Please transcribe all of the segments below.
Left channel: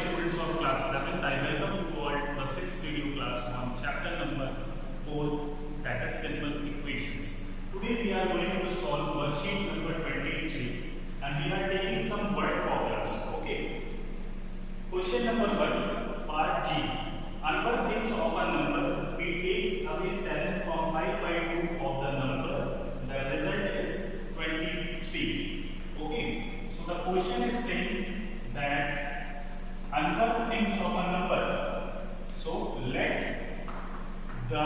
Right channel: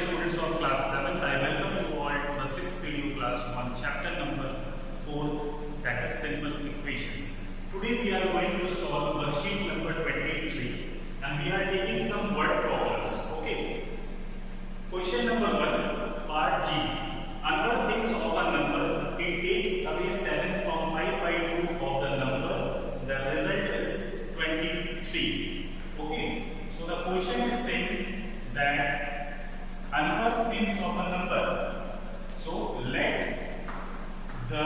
dear students of class 7th, I welcome you all to the 6th video class on chapter number 4, that is simple equations. Today we are going to solve worksheet number 23 and we are taking some word problems. Okay. Question number 1, part G. Anwar thinks of a number, he takes away 7 from 5 by 2 of the number, the result is 23. Okay. So the question is saying that Anwar thinks of a number. So let the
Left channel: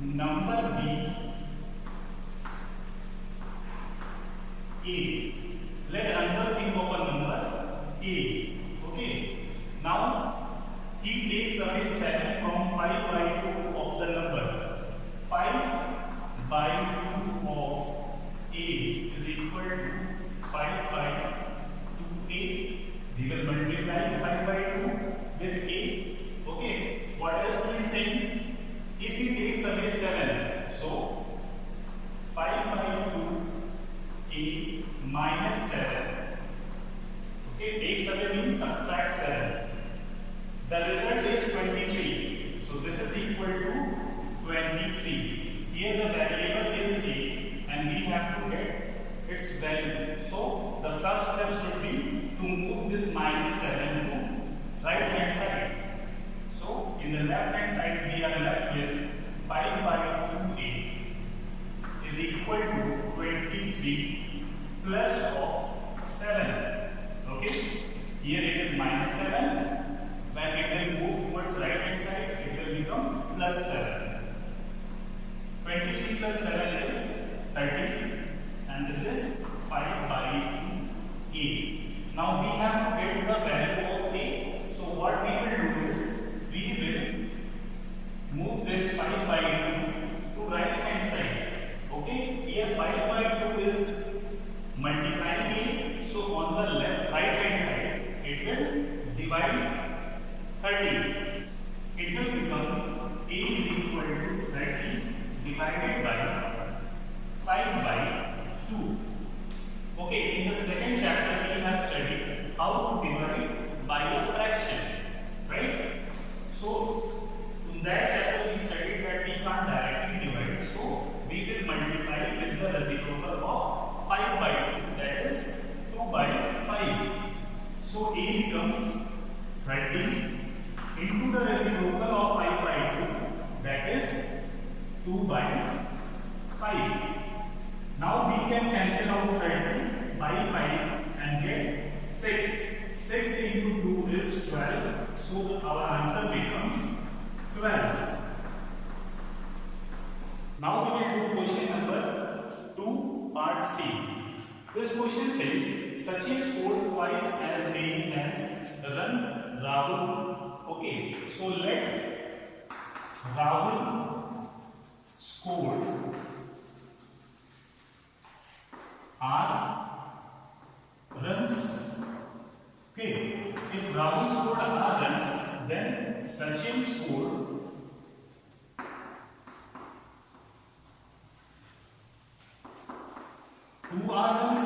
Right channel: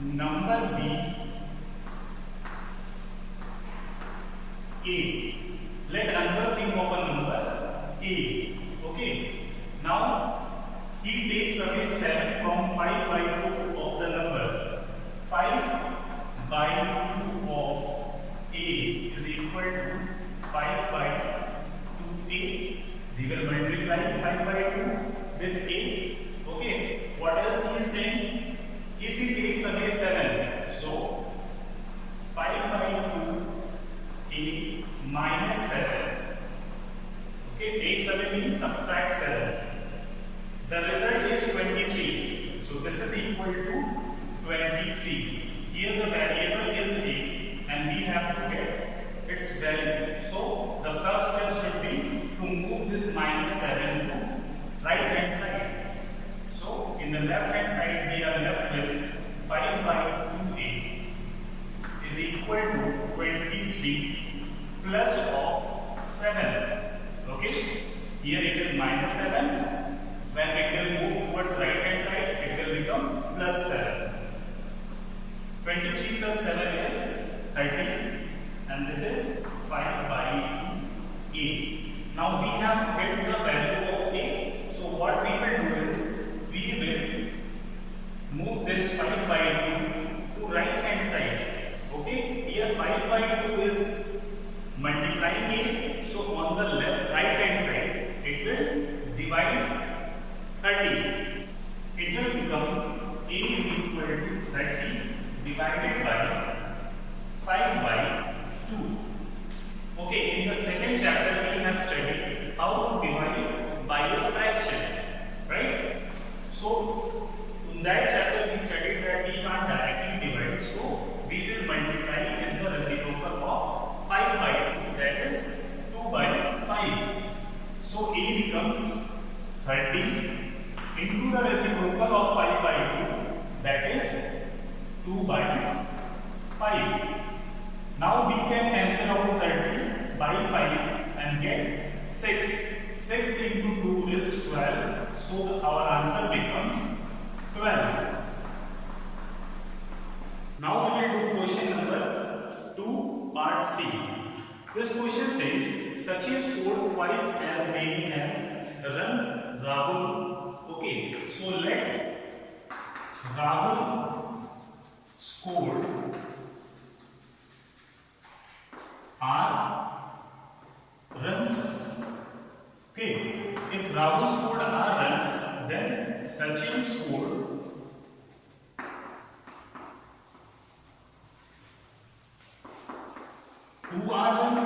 number be A. Let Anwar think of a number A. Okay. Now he takes away 7 from 5 by 2 of the number. 5 by 2 of A is equal to 5 by 2A. We will multiply 5 by 2 with A. Okay. What else he is saying? If he takes away 7, so 5 by 2A minus 7. Okay. Takes away means subtract 7. The result is 23. So this is equal to 23. Here the variable is A and we have to get its value. So the first step should be to move this minus 7 to right hand side. So in the left hand side we are left with 5 by 2A is equal to 23 plus of 7. Okay. Here it is minus 7. When it will move towards right hand side, it will become plus 7. 23 plus 7 is 30 and this is 5 by 2A. Now we have to get the value of A. So what we will do is, we will move this 5 by 2 to right hand side. Okay, here 5 by 2 is multiplying A. So on the left right hand side, it will divide 30. It will become A is equal to 30 divided by 5 by 2. Okay, in the second chapter we have studied how to divide by a fraction, right? So in that chapter we studied that we can't directly divide, so we will multiply with the reciprocal of 5 by 2, that is 2 by 5. So A becomes 30 into the reciprocal of 5 by 2, that is 2 by 5. Now we can cancel out 30 by 5 and get 6. 6 into 2 is 12. So our answer becomes 12. Now we will do question number 2, part C. This question says, Sachin scored twice as many as run Rahul. Okay, so let Rahul score R runs. Okay, if Rahul scored R runs, then Sachin scored two R runs.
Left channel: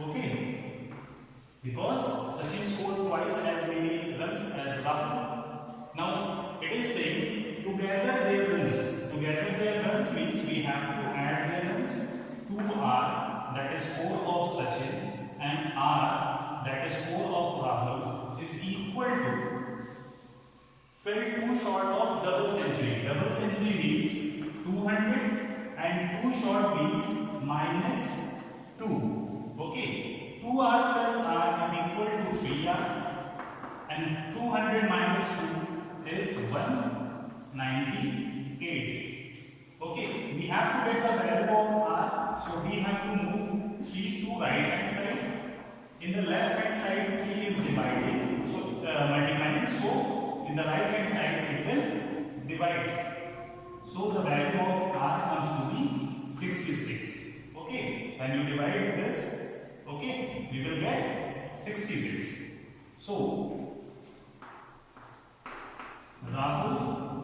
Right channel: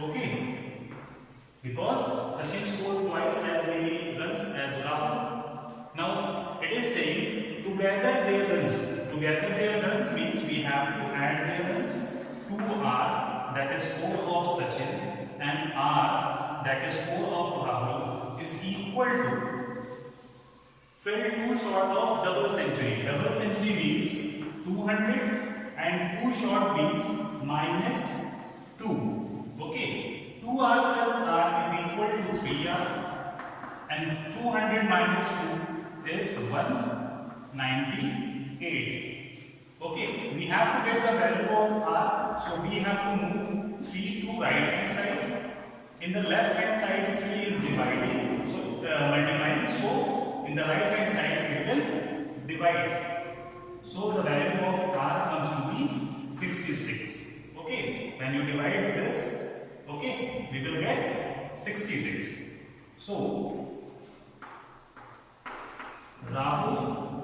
Okay, because Sachin scored twice as many runs as Rahul. Now it is saying together their runs. Together their runs means we have to add their runs. 2R, that is 4 of Sachin, and R, that is 4 of Rahul, is equal to, fell 2 short of double century. Double century means 200 and 2 short means minus 2. Okay, 2R plus R is equal to 3R and 200 minus 2 is 198. Okay, we have to get the value of R, so we have to move 3 to right hand side. In the left hand side 3 is dividing, so multiplying, so in the right hand side it will divide. So the value of R comes to be 66. Okay, when you divide this, okay, we will get 66. So Rahul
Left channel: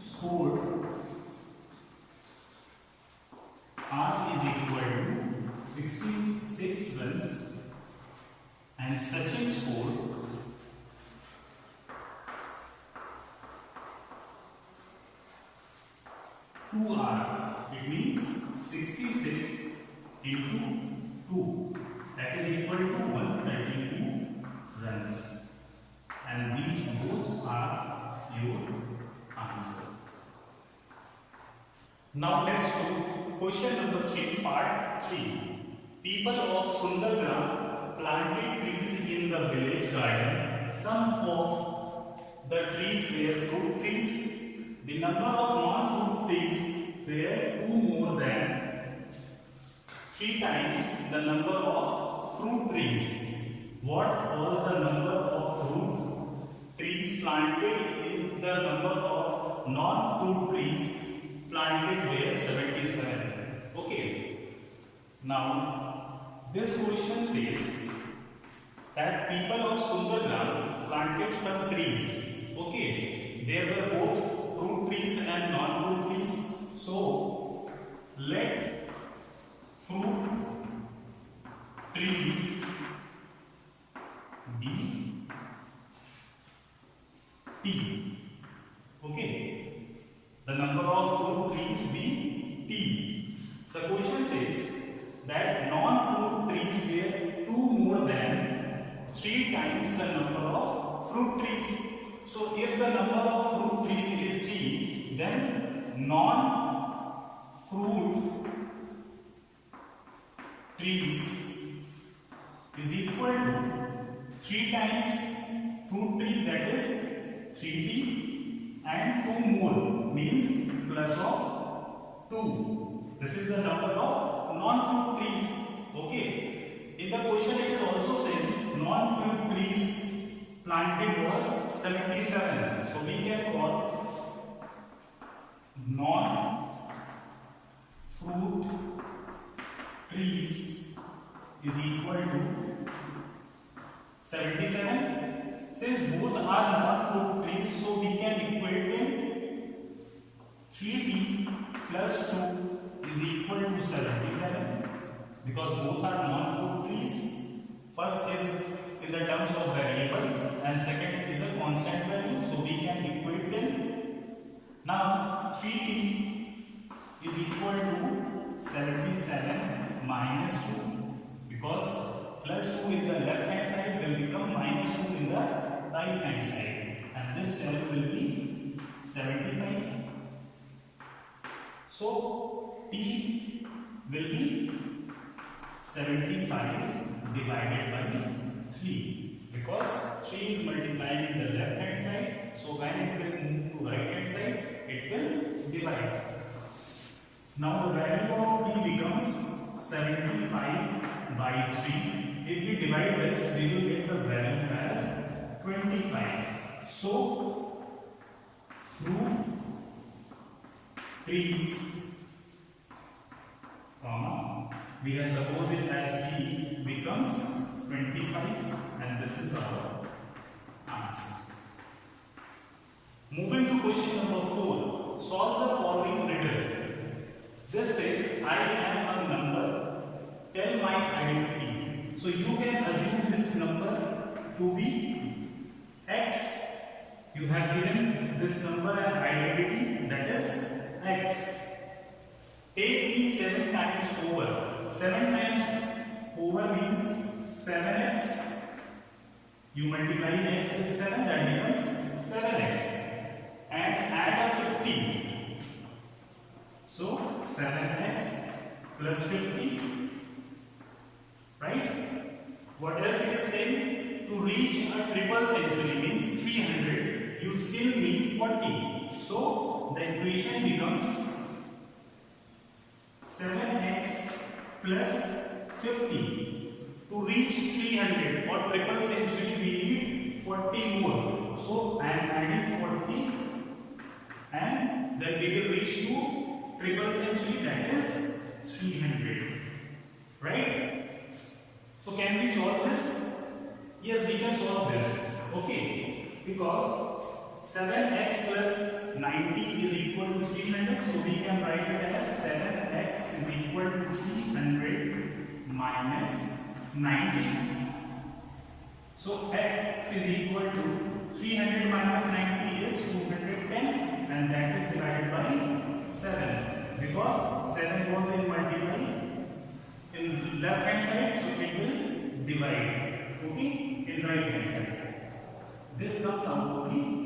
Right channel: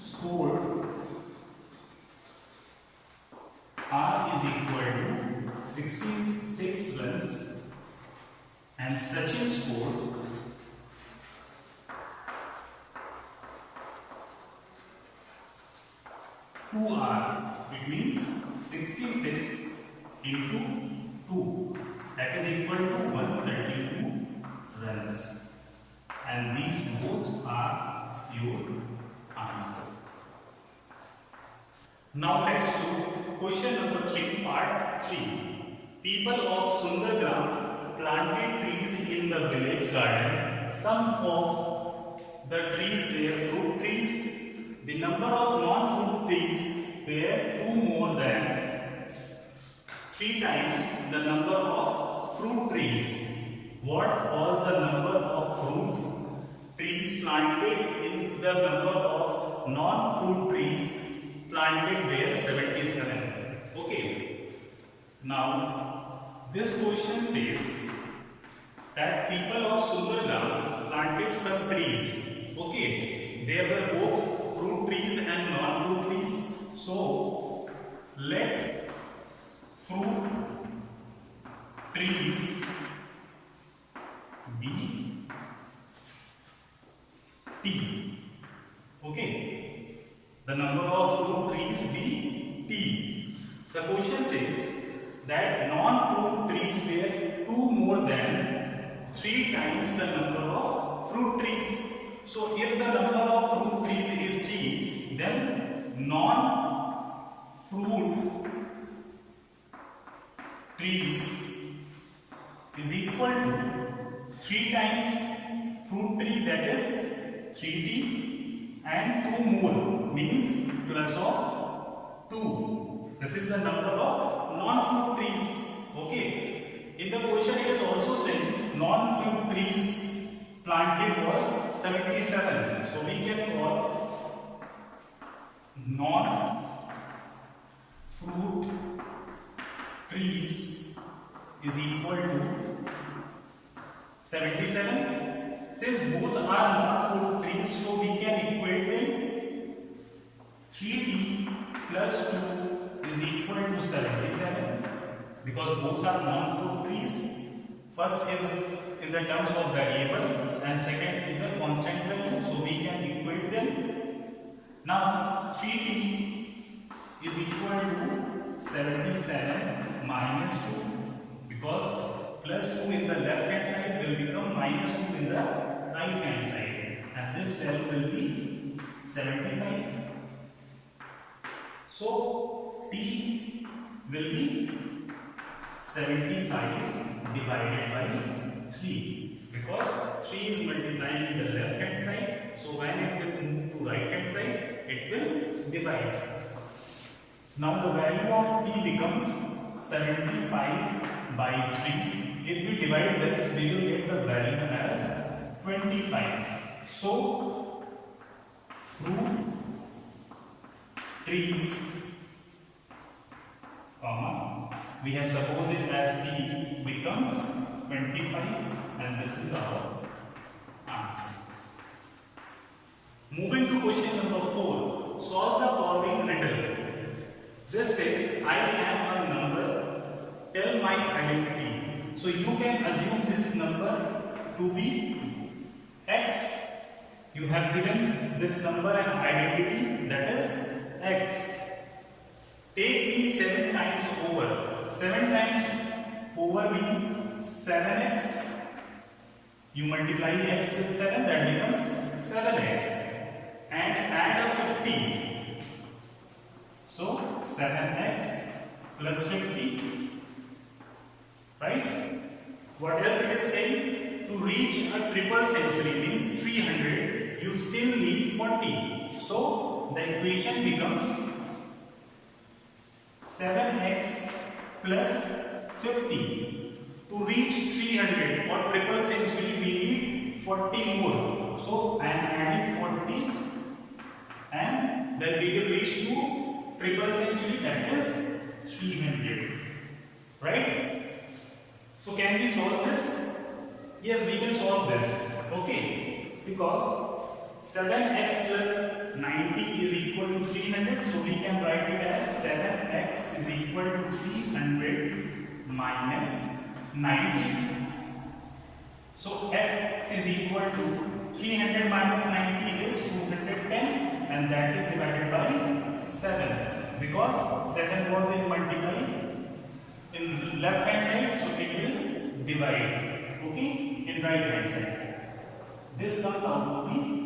scored R is equal to 66 runs Sachin scored 2R. It means 66 into 2. That is equal to 132 runs. And these both are your answer. Now let's do question number 3, part 3. People of Sundargram planted trees in the village garden. Some of the trees were fruit trees. The number of non-fruit trees were 2 more than 3 times the number of fruit trees. What was the number of fruit trees planted in the number of non-fruit trees planted were 77? Okay. Now, this question says that people of Sundargram planted some trees. Okay. There were both fruit trees and non-fruit trees. So, let fruit trees be T. Okay. The number of fruit trees be T. The question says that non-fruit trees were 2 more than 3 times the number of fruit trees. So, if the number of fruit trees is T, then non-fruit trees is equal to 3 times fruit tree, that is 3T, and 2 more means plus of 2. This is the number of non-fruit trees. Okay. In the question it is also saying non-fruit trees planted was 77. So we can call non-fruit trees is equal to 77. Since both are non-fruit trees, so we can equate them. 3D plus 2 is equal to 77 because both are non-fruit trees. First is in the terms of variable and second is a constant value, so we can equate them. Now 3t is equal to 77 minus 2 because plus 2 in the left hand side will become minus 2 in the right hand side, and this value will be 75. So t will be 75 divided by 3 because 3 is multiplying in the left hand side, so when it will move to right hand side it will divide. Now the value of t becomes 75 by 3. If we divide this, we will get the value as 25. So fruit trees, we have supposed it as t becomes 25, and this is our answer. Moving to question number 4. Solve the following riddle. This says, I am a number, tell my identity. So you can assume this number to be x. You have given this number an identity, that is x. Take me 7 times over. 7 times over means 7x. You multiply x with 7, that becomes 7x. And add a 50. So 7x plus 50. Right? What else it is saying? To reach a triple century means 300, you still need 40. So the equation becomes 7x plus 50. To reach 300 or triple century we need 40 more. So I am adding 40 and then we will reach to triple century, that is 300. Right? So can we solve this? Yes, we can solve this. Okay, because 7x plus 90 is equal to 300, so we can write it as 7x is equal to 300 minus 90. So x is equal to 300 minus 90 is 210, and that is divided by 7, because 7 was in multiply in left hand side, so it will divide, okay, in right hand side. This comes out to be